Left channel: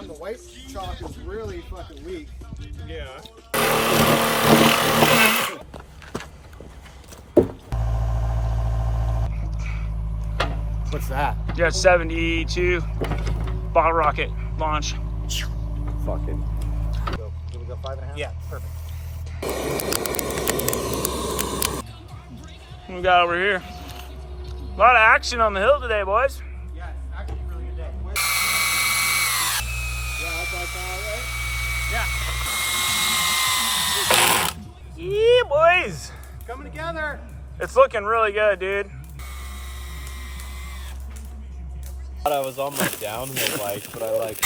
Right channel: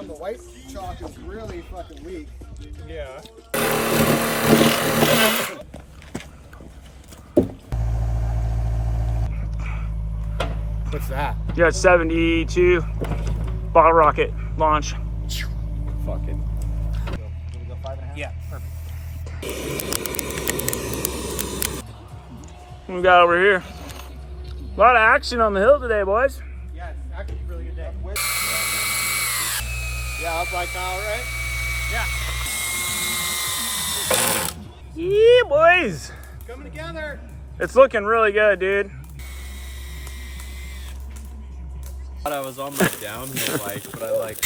Damn, the white chalk is really fucking weak. Yeah. What's that? Yeah, it's 72 bottle rocket launch. Fucking. Did we go 5.5? Yeah, perfect. What we got over here? A lot of action on the hill today, boys. Yeah, it's actually a really good day. Yeah, that's like now, right? Yeah. Yeah, boys. Coming together. It's looking really good, dude. I was on my downhill bike, but I like